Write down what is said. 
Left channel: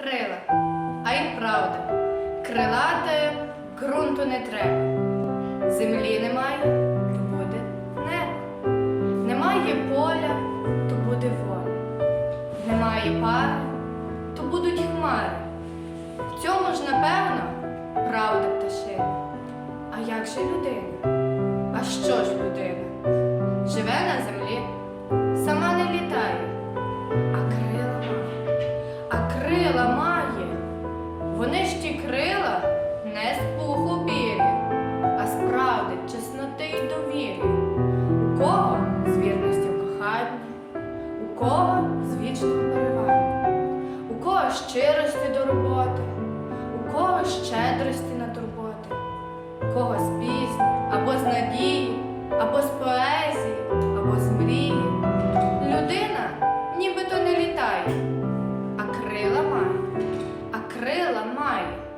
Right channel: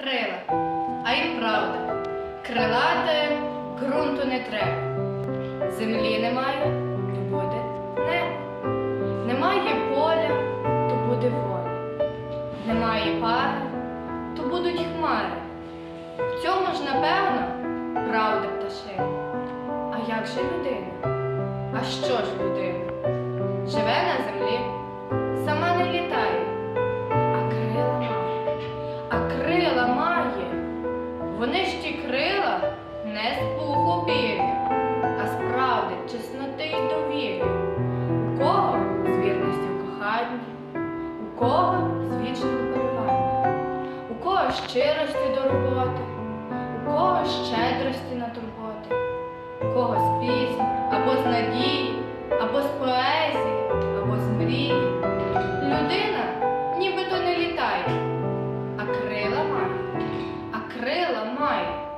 Крила, а й правда, крилате ґрунту не треба. Землі немає, то буде небо. Немає поля, то буде воля. Немає пари, то будуть хмари. В цьому ж, напевно, правда пташина. А як же людина? А що ж людина? Живе на землі, крила має. Вони ж ті крила не з пуху пір'я, а з правди, чесноти й довір'я. У кого з вірності в коханні, у кого з вічного перевання, у кого щирості до роботи, у кого щедрості на турботи, у кого з пісні, або з надії, або з поезії, або з мрії. Людина нібито не літає, а крила крила має.